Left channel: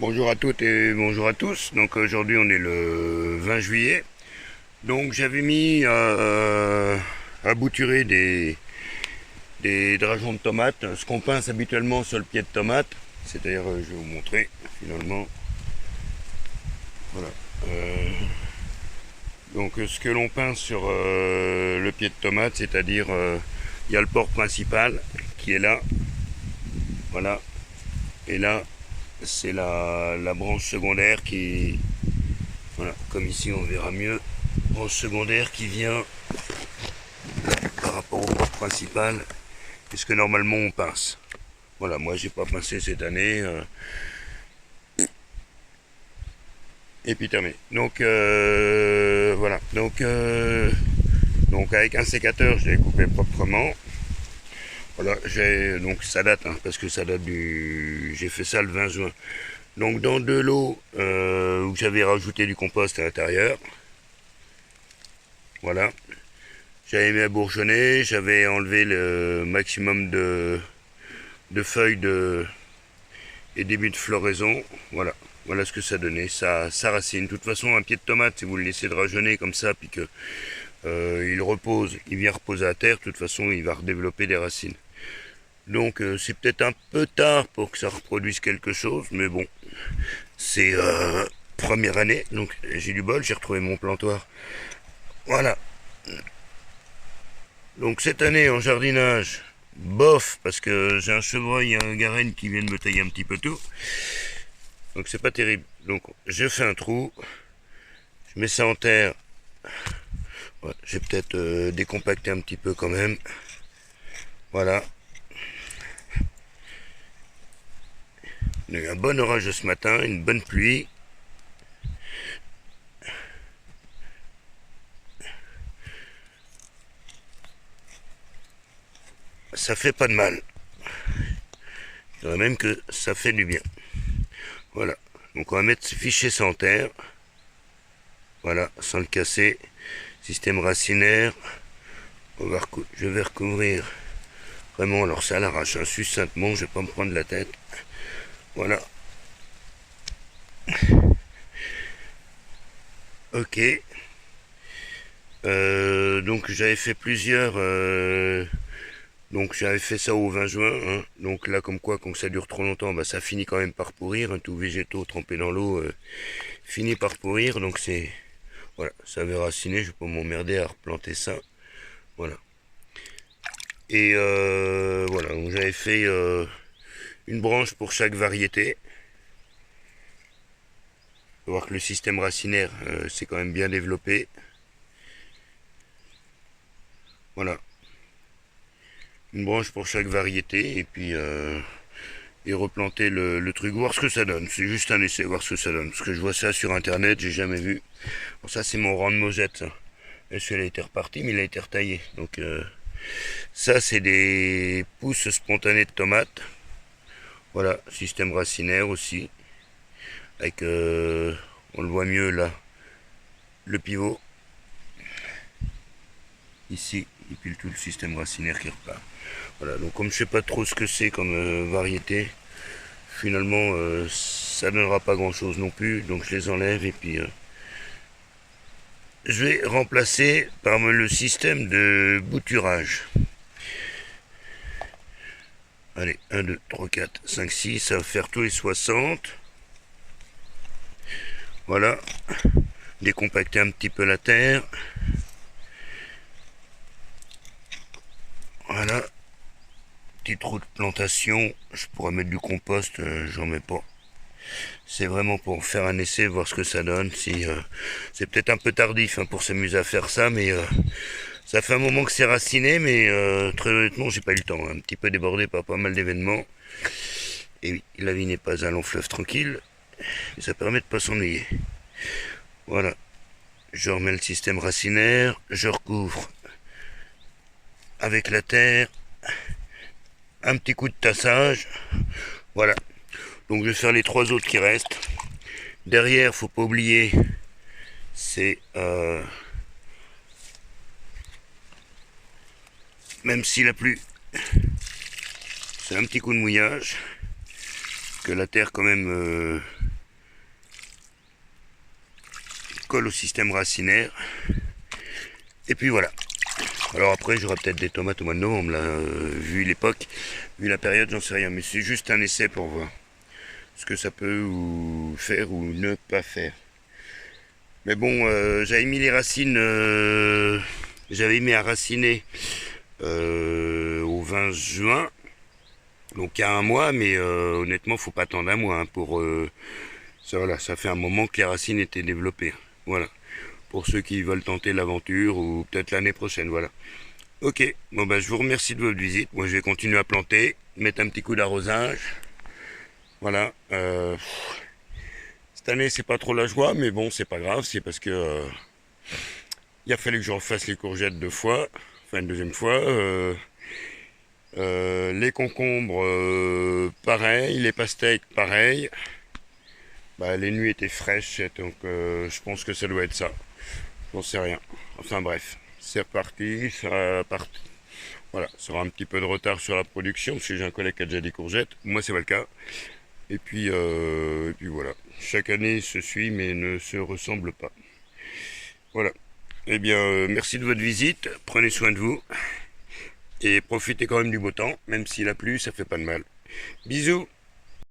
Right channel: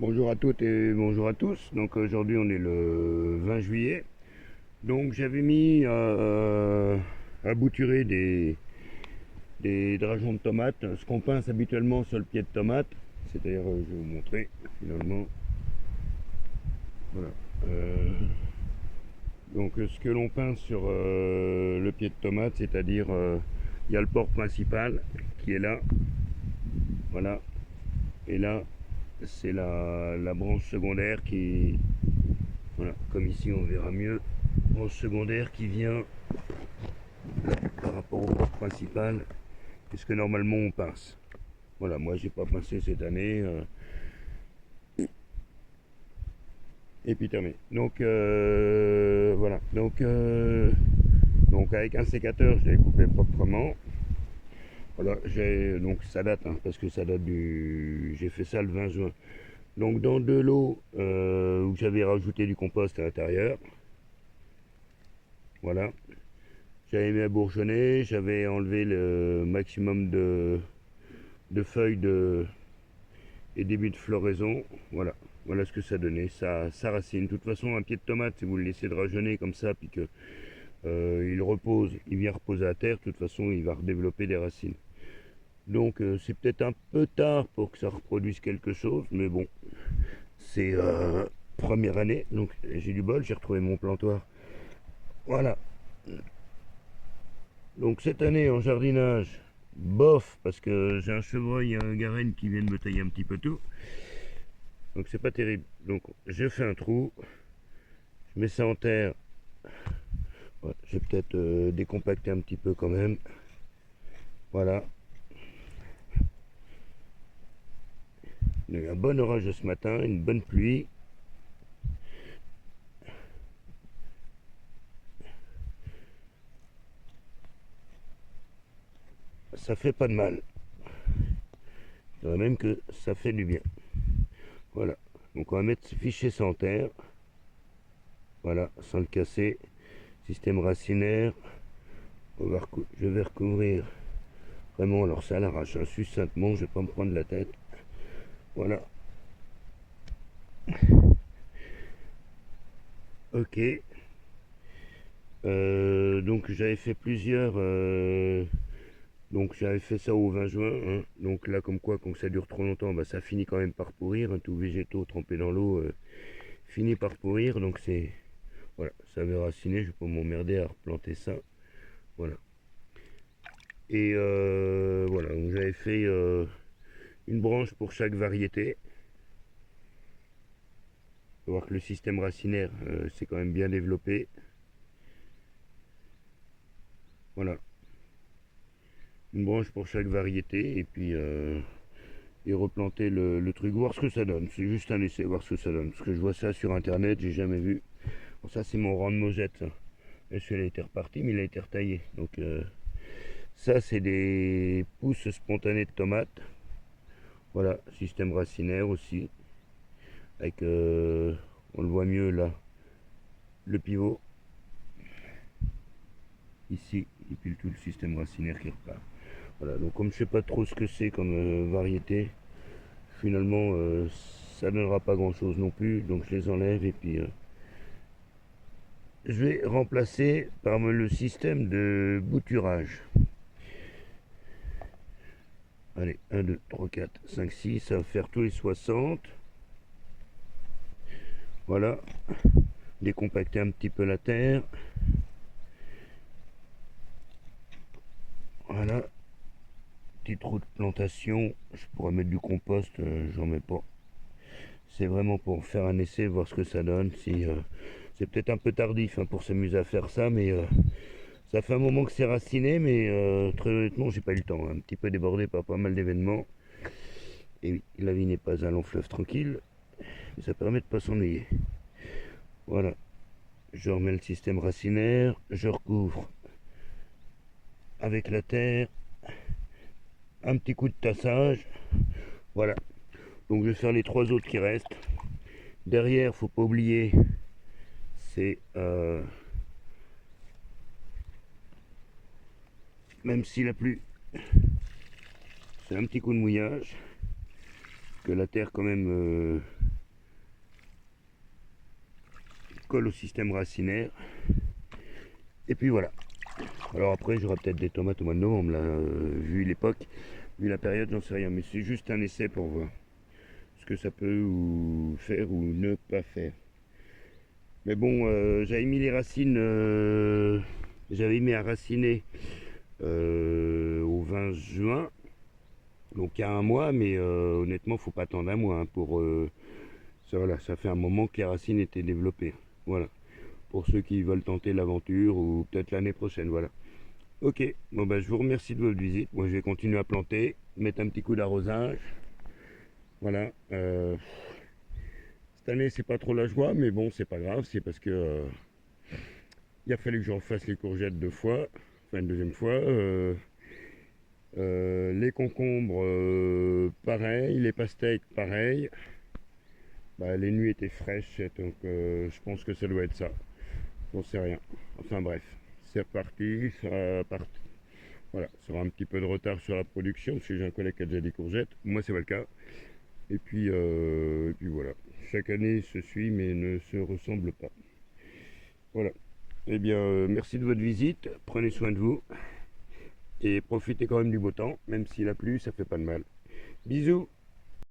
Bonjour à toutes et bonjour à tous. Donc aujourd'hui on est le 20 juillet. Donc j'avais mis à bouturer des drageons de tomates, ce qu'on pince habituellement sur le pied de tomate. C'est-à-dire, je vais vous montrer finalement. Voilà. Donc ce que l'on pince sur le pied de tomate, c'est-à-dire il y a le port principal qui est là. Voilà. Et là, c'est la branche secondaire qui, voilà, comme ici on verra mieux, branche secondaire qui vient par rapport au port principal, puisque normalement on pince. Voilà, moi j'ai pas pincé cette année, et puis terminé. Donc voilà, donc avec un sécateur je l'ai coupé proprement. Voilà, donc ça date, hein, parce que ça date j'ai fait ça le 20 juin. Donc dans de l'eau où j'avais rajouté du compost à l'intérieur. Voilà. J'avais mis à bourgeonner, j'avais enlevé le maximum de feuilles et début de floraison. Voilà. Voilà ce que ça donnait. Ça racine. De toute façon, un pied de tomate, si vous le laissez drageonner comme ça, puis que il repose, il vient reposer à terre, de toute façon, il va redévelopper des racines. Donc c'est peut-être un peu tard pour que ça reproduise quelque chose, mais bon, c'est première année, donc j'ai du bol, j'ai retrouvé mon plantoir. Voilà. Donc cette année en jardinage, bof, parce que j'ai un chevreuil et un garenne qui viennent me tailler un petit peu tout. Donc c'est pas terrible. Donc je fais un trou, je mets ça en terre. Ouais, j'ai peut-être décompacté un petit peu quand même. Voilà. Il y a eu un bon orage ce matin, une bonne pluie. Ça fait pas de mal. Je dirais même que ça fait du bien. Voilà. Donc on va mettre ce fichier sans terre. Voilà, sans le casser. Système racinaire. Je vais recouvrir vraiment, alors ça à l'arrache, hein, succinctement, je vais pas me prendre la tête. Voilà. Ok. Donc j'avais fait plusieurs. Donc j'avais fait ça au 20 juin. Hein. Donc là, comme quoi, quand ça dure trop longtemps, bah, ça finit quand même par pourrir. Hein. Tout végétaux trempés dans l'eau finit par pourrir. Donc c'est. Voilà, ça avait raciné. Je vais pas m'emmerder à replanter ça. Voilà. Et voilà, donc j'avais fait une branche pour chaque variété. Faut voir que le système racinaire c'est quand même bien développé. Voilà. Une branche pour chaque variété et puis et replanter le truc, voir ce que ça donne. C'est juste un essai, voir ce que ça donne. Parce que je vois ça sur internet, j'ai jamais vu. Bon, ça c'est mon rang de mosette. Ça. Et celui-là a été reparti, mais il a été retaillé. Donc ça c'est des pousses spontanées de tomates. Voilà, système racinaire aussi. Avec, on le voit mieux là, le pivot. Ici, et puis tout le système racinaire qui repart. Voilà, donc comme je sais pas trop ce que c'est comme variété, finalement ça donnera pas grand chose non plus, donc je les enlève et puis je vais remplacer par le système de bouturage. Allez, 1, 2, 3, 4, 5, 6, ça va faire tous les 60. Voilà, décompacter un petit peu la terre. Voilà, petit trou de plantation, je pourrais mettre du compost, j'en mets pas. C'est vraiment pour faire un essai, voir ce que ça donne. Si c'est peut-être un peu tardif hein, pour s'amuser à faire ça, mais ça fait un moment que c'est raciné, mais très honnêtement, j'ai pas eu le temps. Un petit peu débordé par pas mal d'événements. Et oui, la vie n'est pas un long fleuve tranquille, mais ça permet de pas s'ennuyer. Voilà, je remets le système racinaire, je recouvre avec la terre, un petit coup de tassage. Voilà, donc je vais faire les trois autres qui restent. Derrière, faut pas oublier, c'est même s'il a plu, c'est un petit coup de mouillage que la terre quand même colle au système racinaire. Et puis voilà. Alors après j'aurai peut-être des tomates au mois de novembre, là, vu l'époque, vu la période, j'en sais rien, mais c'est juste un essai pour voir ce que ça peut ou faire ou ne pas faire. Mais bon, j'avais mis les racines, j'avais mis à raciner au 20 juin, donc il y a un mois, mais honnêtement, faut pas attendre un mois hein, pour ça. Voilà, ça fait un moment que les racines étaient développées. Voilà, pour ceux qui veulent tenter l'aventure ou peut-être l'année prochaine. Voilà. Ok, bon bah je vous remercie de votre visite. Moi, je vais continuer à planter, mettre un petit coup d'arrosage. Voilà. Cette année, c'est pas trop la joie, mais bon, c'est pas grave. C'est parce que il a fallu que je refasse les courgettes 2 fois, enfin une deuxième fois. Les concombres, pareil. Les pastèques, pareil. Bah, les nuits étaient fraîches, donc je pense que ça doit être ça. J'en sais rien. Enfin bref, c'est reparti. Voilà, ça aura un petit peu de retard sur la production, parce que j'ai un collègue qui a déjà des courgettes. Moi, c'est pas le cas. Et puis voilà. Chaque année se suit, mais ne se ressemble pas. Voilà. Eh bien, merci de votre visite. Prenez soin de vous. Et profitez quand même du beau temps. Même s'il a plu, ça fait pas de mal. Bisous.